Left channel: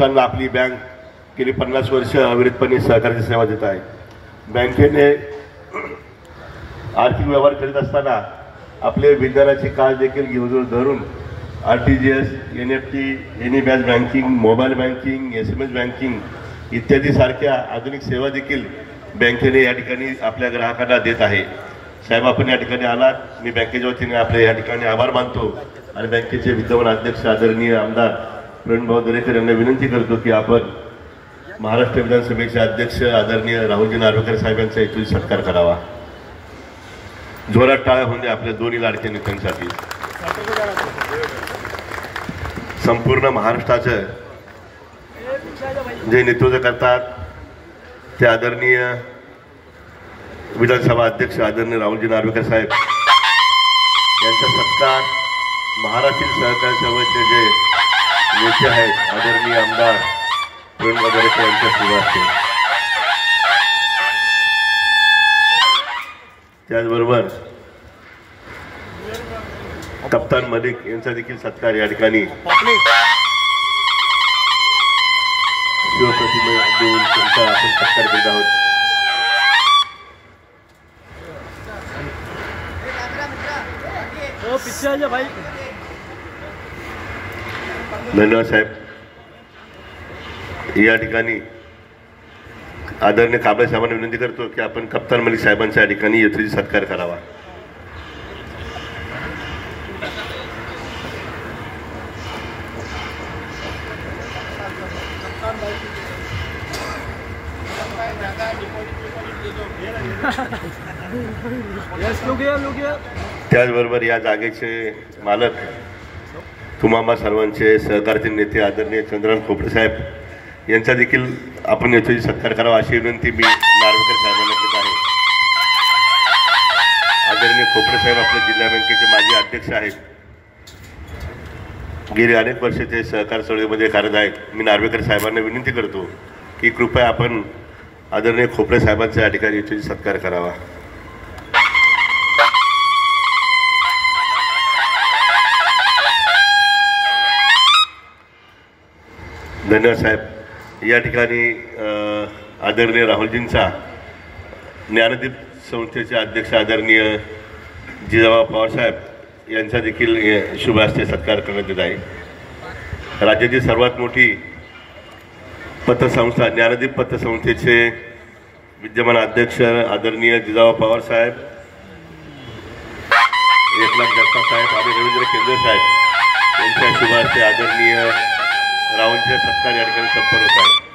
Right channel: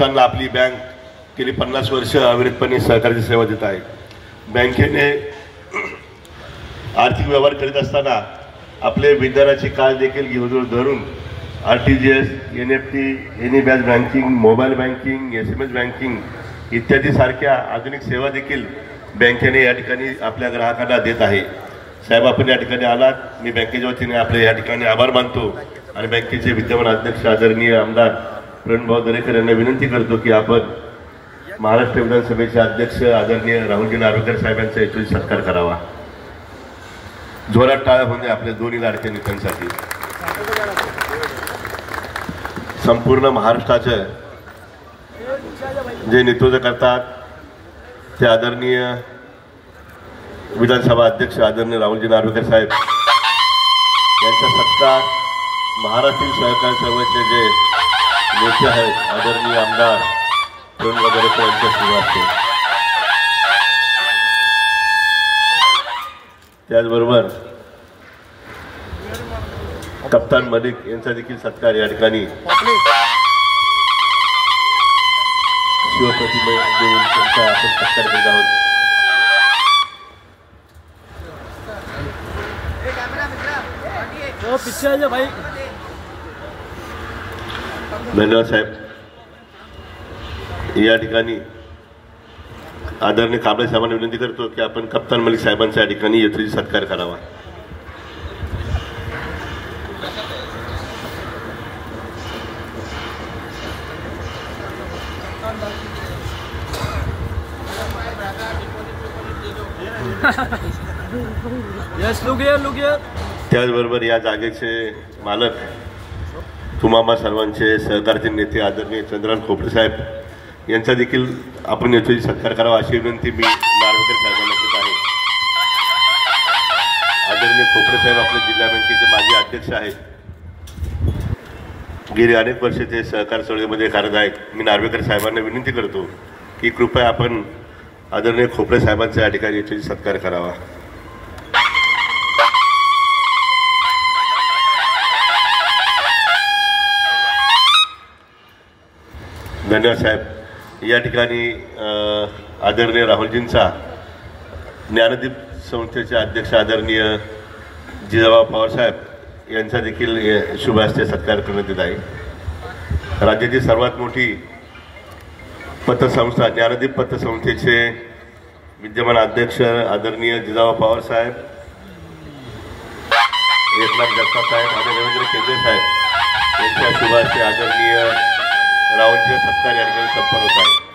आपली बँक गेली 50 वर्ष अविरतपणे सहकारी सेवा देत आहे। बँकेने आर्थिक व्यवहार करीत असताना आपले विद्यार्थ्यांची काळ देखील घेऊन धरून RTGS, NFT, any batch banking, mobile banking, SMS banking इत्यादी सारख्या आधुनिक सेवा देखील बँकेने या ठिकाणी आपल्या ग्राहकांना देत आहे। साहेब, आपण या ठिकाणी आलात, मी बँकेच्या वतीने आपले या ठिकाणी आभार मानतो आणि बँकेचे विद्यमान अध्यक्ष आदरणीय आमदार प्रणभाऊ दरेकर यांना विनंती करतो की आपण महाराष्ट्र विधानसभेचे अध्यक्ष आदरणीय राहुलजी नार्वेकर साहेबांचा इथून सत्कार करावा। जोरात टाळ्या होऊन द्या आपल्या दोन्ही लाडक्या नेत्यांसाठी। संपूर्ण महाराष्ट्राचं जे नेतृत्व करतात ते आदरणीय विधानसभा अध्यक्ष आदरणीय राहुलजी नार्वेकर साहेब यांचा सत्कार महाराष्ट्रीय सहकारी सेवेचे जे नेते आहेत आदरणीय आमदार प्रणभाऊ दरेकर यांच्या सुरू असते। त्याचबरोबर कप्तान मलिक यांचा देखील सत्कार या ठिकाणी शिवप्रतिमा देऊन त्यांचा आपण सत्कार करत आहोत। धन्यवाद साहेब। या ठिकाणी आदरणीय काबळे साहेबांना विनंती करतो की आपण कप्तान मलिक साहेबांचा या ठिकाणी यथोचित सत्कार करावा। त्याचबरोबर या जागेचे मालक तुम्हा सर्वांचे सहकारचे नेते आदरणीय चंद्रकांत खोपडे साहेब यांचा देखील आपण याची सत्कार करावा अशी विनंती मी नार्वेकर साहेबांना करत आहे। आदरणीय खोपडे साहेब आपल्या जिल्हा बँकेचे माजी अध्यक्ष आहेत, गेली अनेक वर्ष ते सहकार चळवळीमध्ये कार्यरत आहेत। मी नार्वेकर साहेबांना विनंती करतो की कृपया आपण आदरणीय खोपडे साहेबांचा या ठिकाणी याची सत्कार करावा। धन्यवाद साहेब। या ठिकाणी आदरणीय राहुलजींचा ज्ञानदीप संस्थेचे अध्यक्ष आदरणीय जिजाबा पवार साहेब यांचा देखील शुभ हस्ते सत्कार करण्यात येत आहे। राज्याची सर्वात मोठी पतसंस्था ज्ञानदीप पतसंस्थेचे विद्यमान अध्यक्ष आदरणीय जिजाबा पवार साहेब, एकनाथ जगताप साहेब आणि रवींद्र केंद्रे साहेब यांच्या शुभ हस्ते आदरणीय राहुलजीचा सत्कार या ठिकाणी संपन्न होत आहे।